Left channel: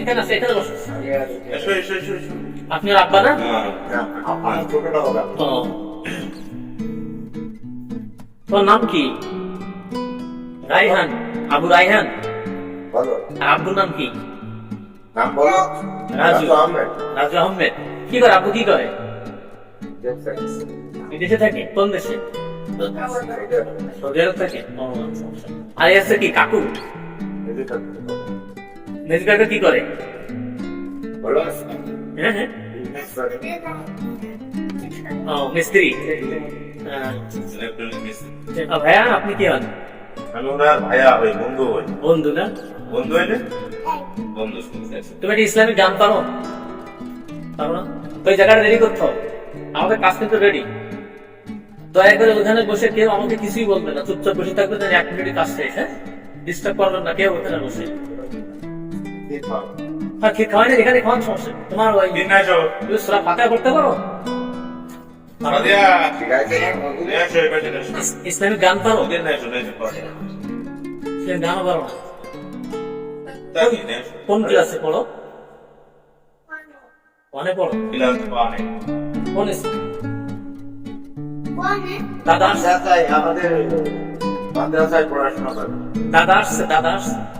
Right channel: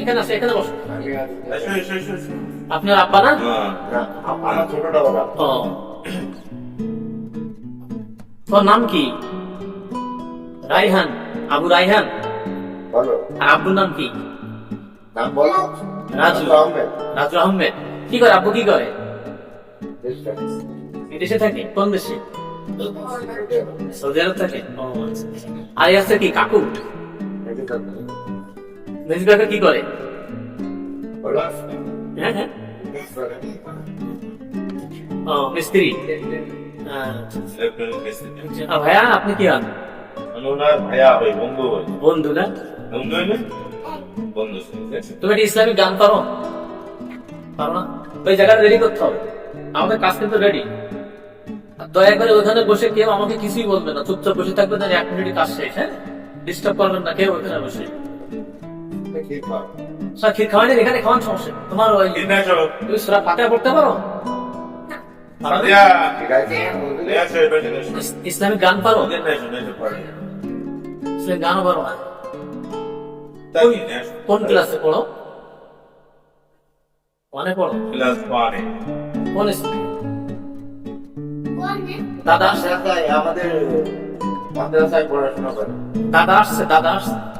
এখানে আছে এখানে বসো। আপনার আব্বা না? হ্যাঁ। আমার ছোটটা বলা তোর নাম কি? রাইহান আবু রাইহান। আর আব্বুর নাম কি? নাম বলো। রাজু। আহমেদ। রাজু আহমেদ। কি করে আব্বু কি করে? বিদেশে থাকে? কোন দেশে? সৌদি আরব থাকে? আচ্ছা, আচ্ছা। আর আছে কি কাকু। মেজু কাকা কি করে? হ্যাঁ হ্যাঁ। ও মিস্ত্রি। হ্যাঁ। ভাইয়া আপনি কি হন? আমি ওনার ভাইয়া হই বন্ধু হই বন্ধু না? বন্ধু হইলে? বন্ধু তুমি একটা ইসলামিক গান পারো? পারো না? ওই জায়গাটা রেডি করতে হবে। আমাদের কাজ কিন্তু রেডি দয়া করে ওখানে বসে কেউ আমাকে কিছুই বলবে না। চুপচাপ বসে থাকবে না এক মিনিট কাজ শেষ হ্যাঁ? ডিস্টার্ব করবেন না কেউ ওখানে বসে। ঠিক খাওয়াই এখানে খাওয়ান সমস্যা তোমার ওই তুমি সুরা পড়তে পারো? ইস- ইসলামিক গান পারো। ইসলামিক গানও পারো না? কোন ক্লাসে পড়ো? ওয়ানে পড়ো। ক্লাস ওয়ানে। কোন দাদা আমাদের মাদ্রাসায় পড়াশোনা করে। দাদা আসছে দাদা আসছে।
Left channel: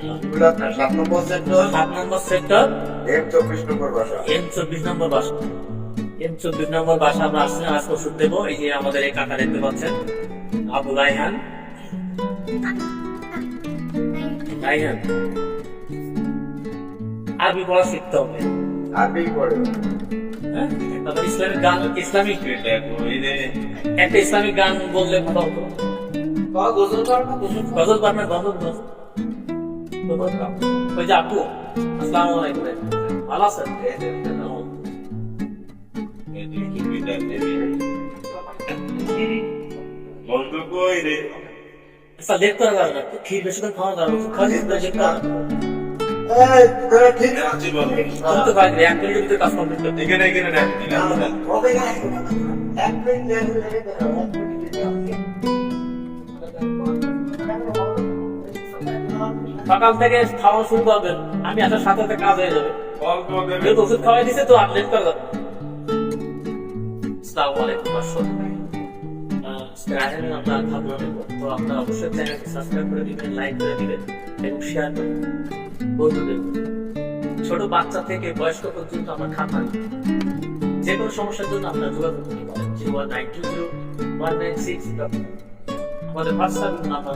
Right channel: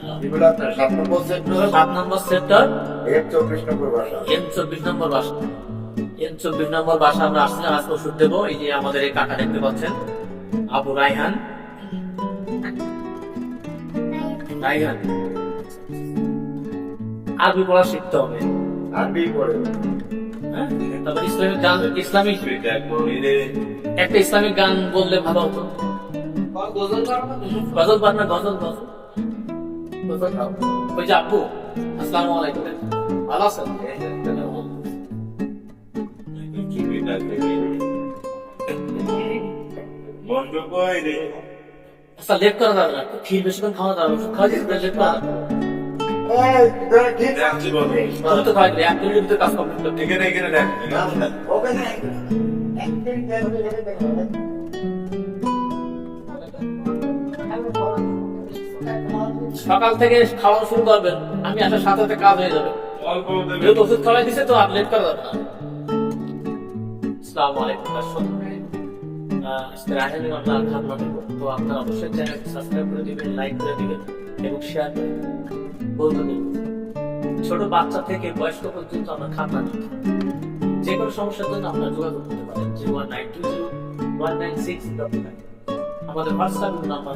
সাত নম্বর সেক্টর সাত নম্বর সেক্টর এম চব্বিশ নম্বর বাসা এম চব্বিশ নম্বর বাসা এম চব্বিশ নম্বর বাসা আমরা আসছিলাম আজকে ওষুধ দেবো। এই যে আমাদের এই কাকা দেখতে পাচ্ছেন আবু রাইহান রাইহান আরবি পড়া শিখতে হবে। আরবি পড়ে। হ্যাঁ তারপর ইসলামিক গান ইসলামিক? একটা ইসলামিক গান বললে ভালো হতো। গজল পারবে গজল গজল গজল। গাও। ওই যে আপু আসসালামু আলাইকুম ভালো আছেন? আচ্ছা লেট করা যাবে না ক্ষীর বেশিক্ষণ খাওয়া যাবে খাওয়া দিতে লেট করা যাবে তুমি তো খাওয়াই এক মিনিটের ভিতরে কাজ কমপ্লিট করতে এখানে এখানে না, এখানে না। এক মিনিট সকাল থেকে খাওয়া শুরু করবেন, আমি আসার সাথে সাথে কাজ হয়ে যাবে। যেহেতু ওষুধ খাওয়াই দিছে তো আর লেট করা যাবে না। আলাইকুম, দর্শক। আপনার দেব তো আপনারা অবশ্যই চ্যানেলটি সাবস্ক্রাইব করে দিবেন লাইক করে দিবেন এবং শেয়ার করে বন্ধুদের, ছোট বাচ্চা থেকে বয়স্ক পর্যন্ত আমরা দিই যে কোনো সমস্যার জন্য আপনারা যোগাযোগ করতে পারেন। One nine two zero one nine six আমাদের হোয়াটসঅ্যাপ নাম্বার